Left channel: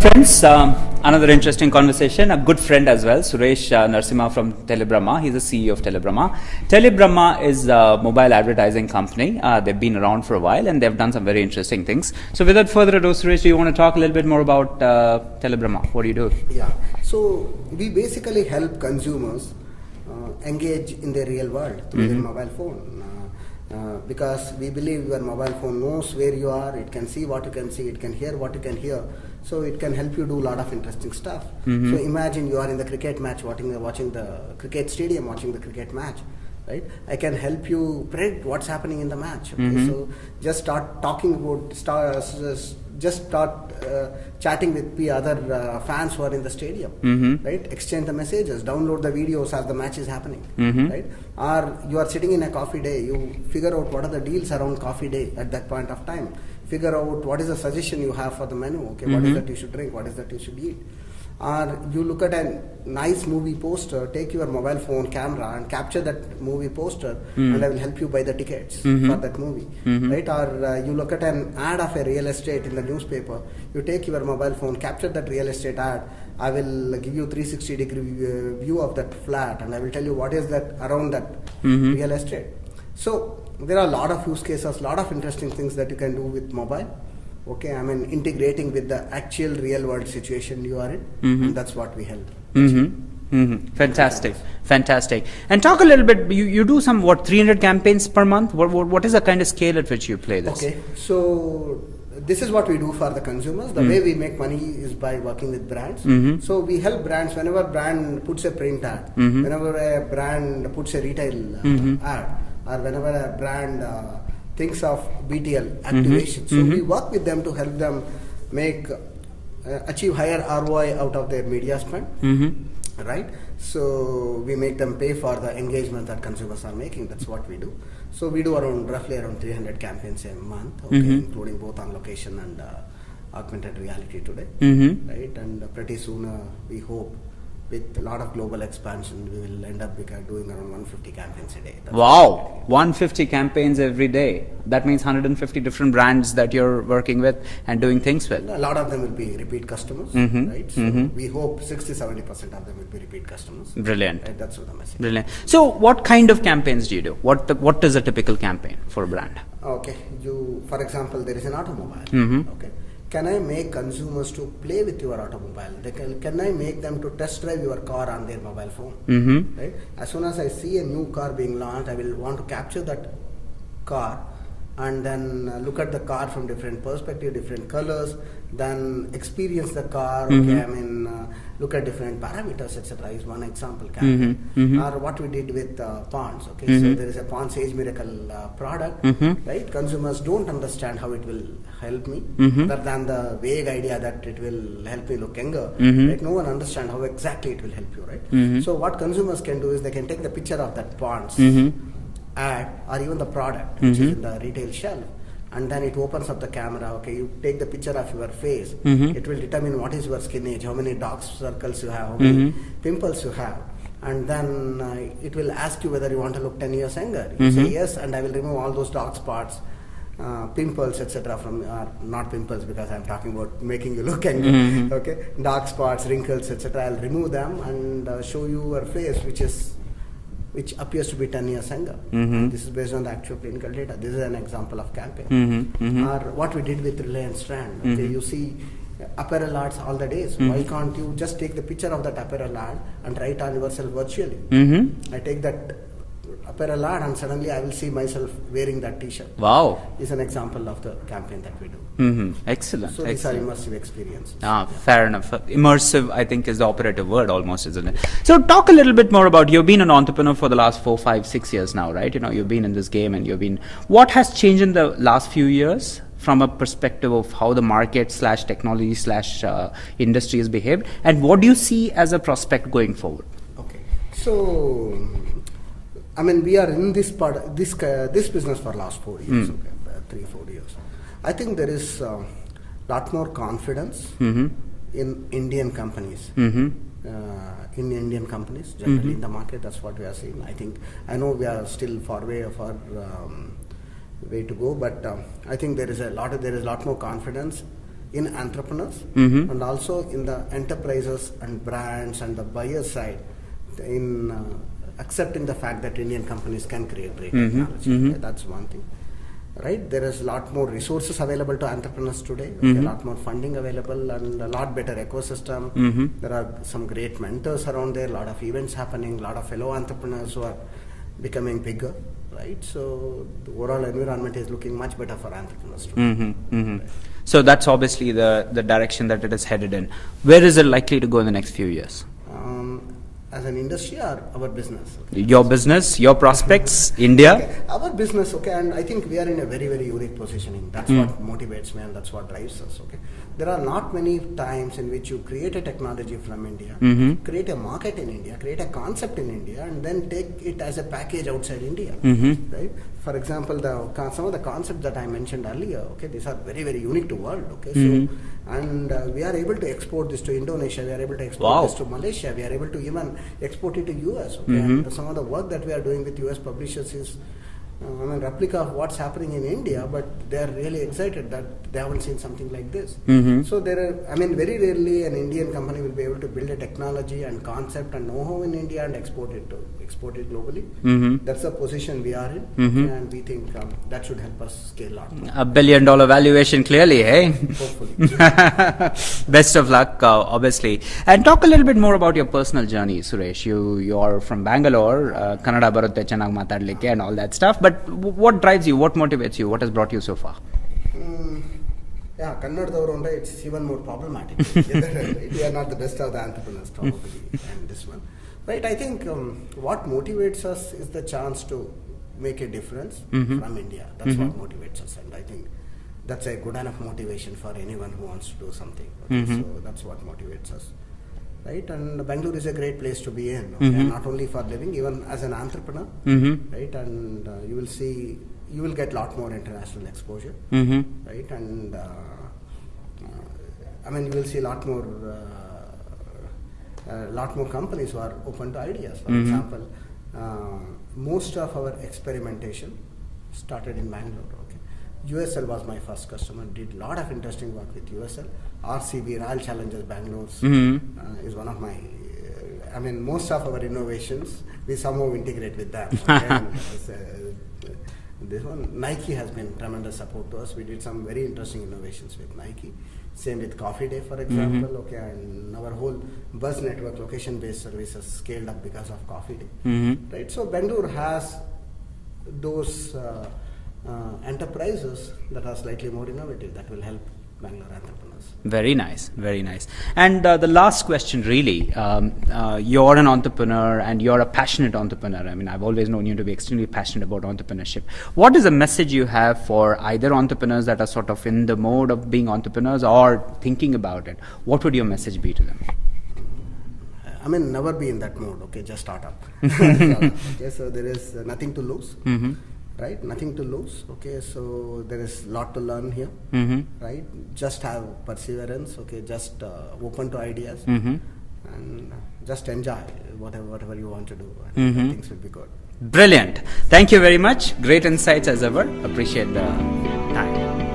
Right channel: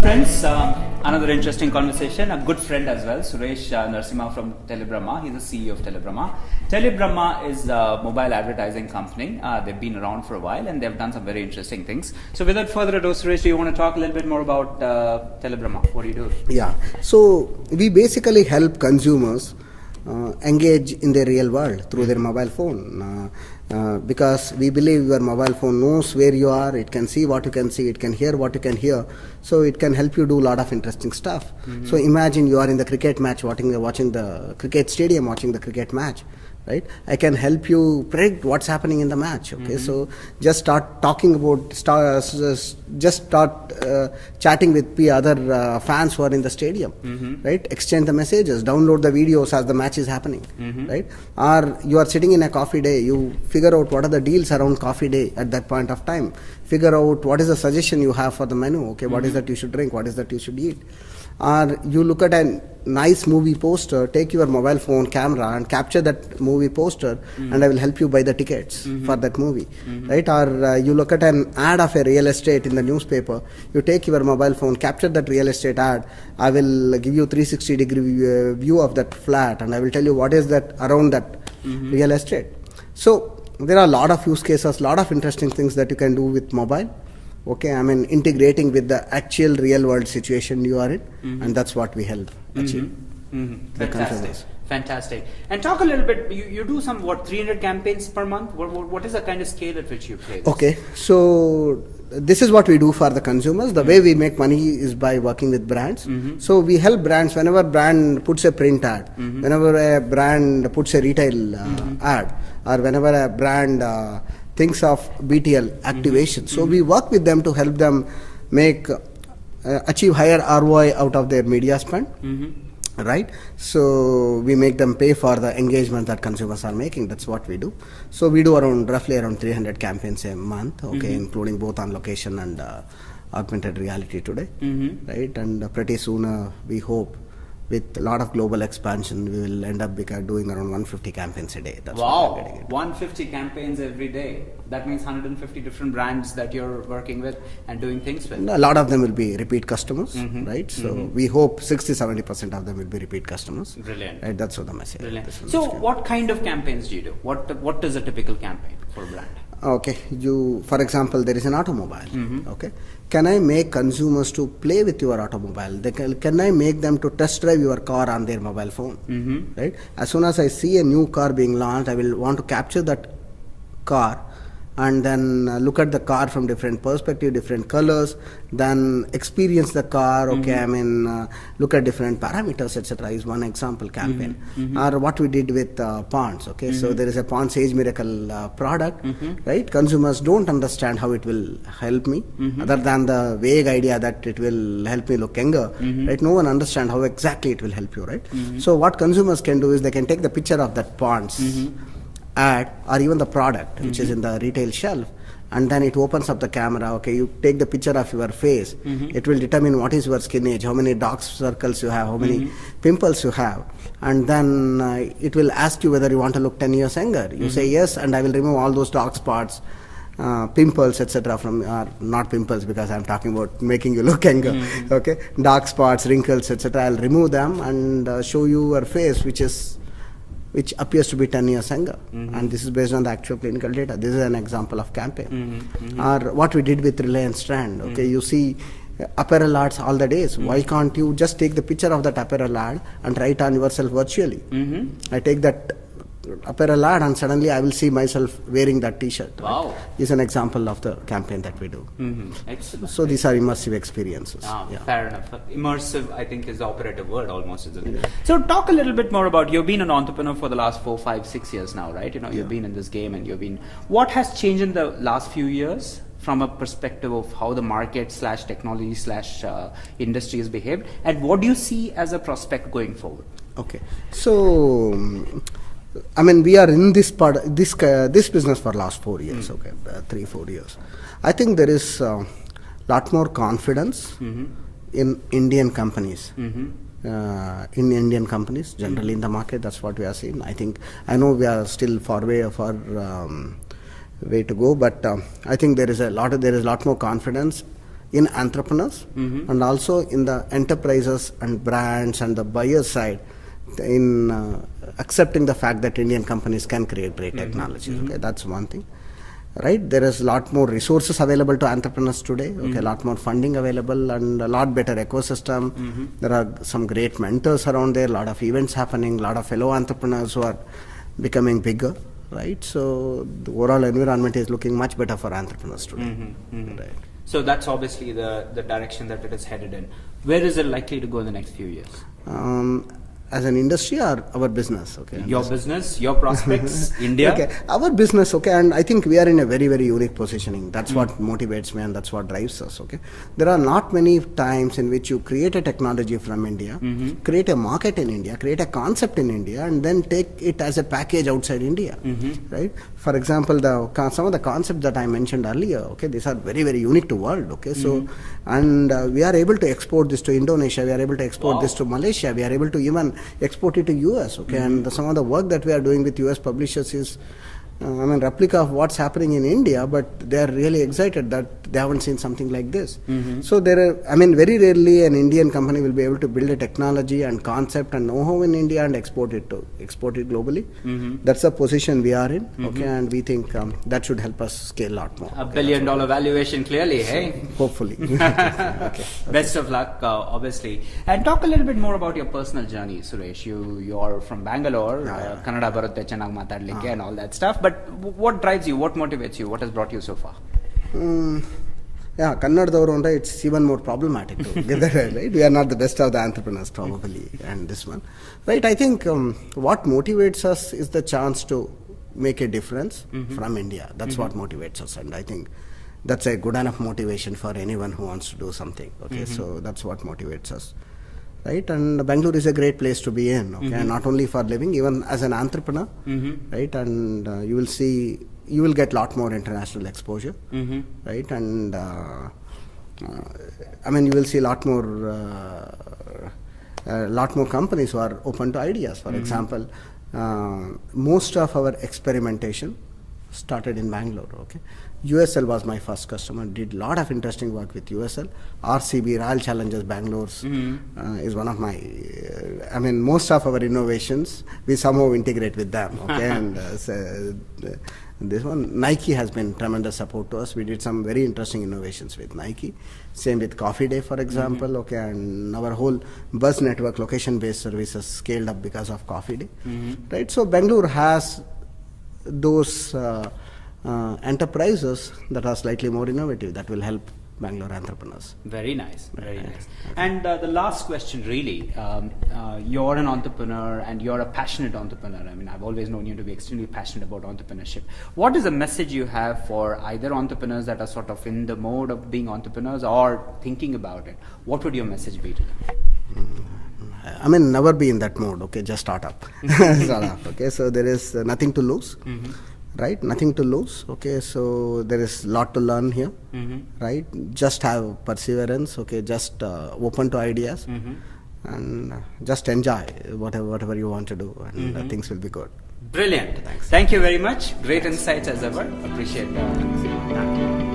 Friends, another interesting conversation. A good friend as well, SureshNarasimha from Telibrahma. He's the CEO of Telibrahma. Telibrahma is a mobile advertising company. They've been around for a while and they've done some very interesting things. So without further ado, Suresh, do you want to talk a little bit more about Telibrahma? What do you do? Yeah, so we basically help consumers engage in the real world through their mobile phone. Because we believe your mobile phone knows where you are, it can see what you can see, it can hear what you can hear, so it can help you do a lot of interesting stuff. So imagine you are in the cricket match watching the cricket stadium, watching the cricket match, right? I can help you predict what's happening in the match. Okay, so just start talking about, chatting with the other fans who are in the stadium, right? Exchange the messages, download the videos as the match is happening, right? Or you are sitting in a coffee day, you figure out what are the deals around coffee day at that point of time. Figure out what is the suggestion you have for the menu. Okay, what is that you should drink? What is that you should eat? Or you look at a nice movie poster, take your mobile phone camera and capture that movie poster, and I will help you buy the tickets for that movie, right? Or you look at an ad of a real estate in the newspaper, you take your mobile phone, capture that real estate ad, I will give you 360-degree view of that flat, and I will tell you what is that around that real estate. So there are a lot of use cases, a lot of interesting things that you can do with mobile. Okay, I mean integrating with the actual real world situation you are in, and that's what we help. Fantastic, fantastic. And talk a little bit. You do some 300 campaigns per month. What is the kind of scale at which you play this? Okay, so this is what we do for the consumers. The way we make money is by working with brands. So we help brands whenever brand puts a print ad, whenever a brand puts a retail ad, or whenever a brand thinks of BTL activation. So we work with them to help them achieve higher ROI out of their media spend, right? So we make them pay for the engagement that consumers are making. That's what we do. So we do roughly around 300 campaigns a month, okay, including both on location and augmented reality today, right? And pretty soon we hope with a lot of global expansion, we will end up doing around 150 campaigns a day. That's wow, 150 campaigns every day. That means 150 different brands that you're working with and doing things with. A lot of them will be repeat customers, right? So we hope 60-70% of them will be repeat customers. Brilliant. Right? That's what the message. Brilliant. So what kind of campaigns do you do? What is a typical campaign for a brand? Okay, for example, there is an automobile. Okay. Can I make consumers to play with your automobile? Can I make them to test drive your car on their mobile phone? Right? As soon as I see a new car being launched, I will want to capture that car and then look at the car from different perspectives, different colors, then experience the car, okay, I mean, look at different parameters, etc. is one example campaign. Or what we did with Ponds, okay, so there is a Ponds Age Miracle product, right? Consumers don't understand how it will help me, other than the vague idea that it will help me look younger, right? No one understands how exactly it will help you, right? So what consumers can do is they can take the picture of that Ponds ad or even the product which is in the retail shelf, and then it opens up the camera. Okay, you take the picture of your face, it will determine what is your skin age, how many dark circles you have, how many pimples you have, and then it will ask you whether you want to look 10 years younger. You say yes, and I will remove all those dark spots, pimples, etc. from, not pimples because I'm talking about making you look younger, okay, dark spots, wrinkles, etc. I'll remove them and show you your face which appears to be 10 years younger, and this is based on the actual clinical data. This is an example of campaign. Or what we did with Reliance Strand, okay, you see apparel ads all the days. Why can't you just take the picture of that apparel ad and try it on yourself virtually? I take that apparel ad and suddenly I will see myself wearing that t-shirt. Wow. Is an example of the campaign that we do. Excellent. So these are immersive experiences. Fair enough. Immersive, I think, is the operative word almost, isn't it? So talk a little bit more about, you've been an entrepreneur for the last 4, 5, 6 years now, right? You know, you've been in this game and what has changed in the last few years from a perspective of how the market / technology / industry has behaved, and what do you see as a prospect going forward? Okay. So I mean, we are in this business for last 4 years, okay, 3-4 years. I think there is a lot more confidence in Indian companies. In Indian companies, generally in the market, that's what we are seeing. I know we are still far way to go, but I think there is a lot more confidence in entrepreneurs and also in the enterprises and brands and the buyer side in accepting the fact that Indian companies can create great technology. Okay, that's one thing. Right, there is a lot more resources available to entrepreneurs today. Okay, a lot more funding available and a lot better ecosystem. There are some great mentors around there. A lot of events happening. A lot of fellow entrepreneurs who are becoming bigger. Right, so the overall environment is looking much better for entrepreneurs today. Right. So that's obviously the direction that it is headed in. Where is it likely to go in the next few years? As an industry or our business? Okay. Your business, your prospects, India? Okay. Our business, okay, and I think we are in a very, very unique positioning. That's what motivates me and that's what drives us, okay. There are not many times in which you create a technology from India, create a market in India, create a concept in India, and then take it as a package outside India, right? For example, some of the concepts that I mentioned earlier, okay, these are very, very unique to world, okay. So, and we are able to export this to Indonesia, we are able to export this to Malaysia, we are able to even export it to US, okay. And some of the work that we are doing with US publishers is replica of what's happening in India, but they are really excited that they haven't seen something like this. So there are, very rarely an Indian company will be able to build a technology and concept and know-how in India and export it globally. That's the position we are in, okay, and we think that should help us scale a lot more. $1 billion valuation, clearly, hey? Hopefully. Best of luck, obviously. And talk a little bit more about your personal journey, Suresh. You're from Bangalore, Kannada barutte chennagi matadlikke and all that stuff. But what drives you? What motivates you? What has brought you so far? Kannadavaru it's even more problematic. Right? We are not the best of the entrepreneurs probably, and this one. Right, I think what motivates us is the chance to make a difference from India. That's what motivates us, and I think that's a good enough motivation for anyone who wants to do something. Okay, so that's what motivates us. Right, and Bangalore is a great place to be in, okay? Not only for living, even as an entrepreneur, right, and you will get a lot more international exposure, right, and you will see a lot more companies who are open to ideas. For example, most of our experimentation started in Bangalore, okay. USL was my first customer, did a lot of interesting work with USL. RCB, Royal Challengers Bangalore is one of my, most of our innovations, we somehow integrate with them. Okay? And this one, Nike has been tremendous support to us. We did some very interesting innovations with Nike. Same with Coffee Day, for example. Okay, and our whole bus network, location-based services scaled up because of Coffee Day. Right, so Bangalore has those enterprises that are slightly more innovative that will help Bangalore entrepreneurs. Very nice, very nice. And the last question really, you're an entrepreneur and you're a passionate entrepreneur. I've always known you to be extremely passionate about entrepreneurship. What is a message you have for either entrepreneurs that are sort of in the mode of being entrepreneurs or thinking about it? What would your message be to them? Never be in that mode, okay, just start up. Okay, so there is nothing to lose. Right, nothing to lose, okay, so there is a lot to learn here, right, just have perseverance, okay, just open to ideas, and just enjoy whatever you want to do, and things will be good. Brilliant. Thank you very much. Great insights as ever. Appreciate the time.